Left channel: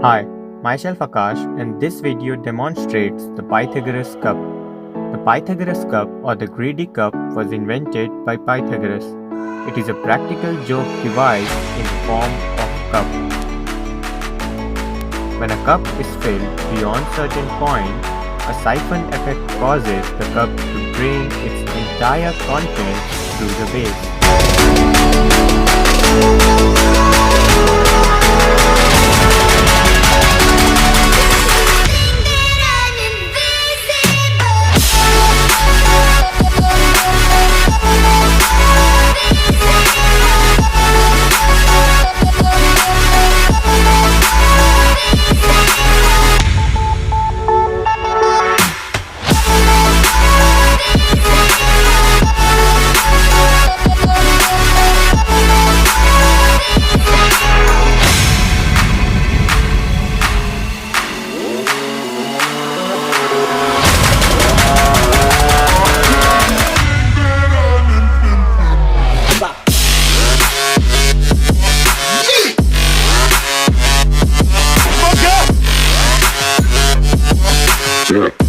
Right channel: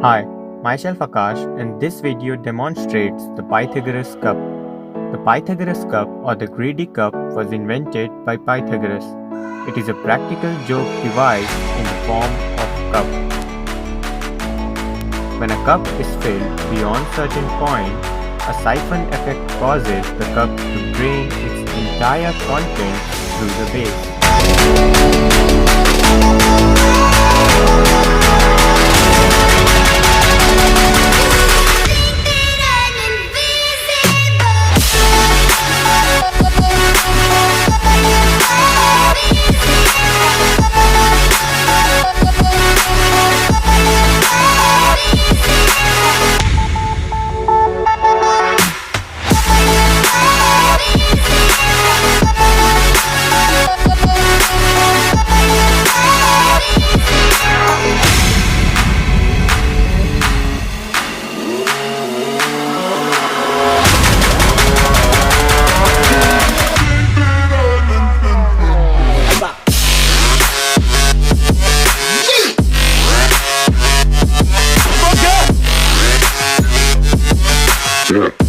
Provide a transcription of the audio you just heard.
Hi, myself Akash, and this video demonstrates the Pythagoras cup. The Pythagoras cup or the greedy cup was invented by Pythagoras. It is a practical joke device in the form of cup. When a cup is filled beyond certain point, a siphon effect causes the cup to drain its entire contents through the base. Yeah.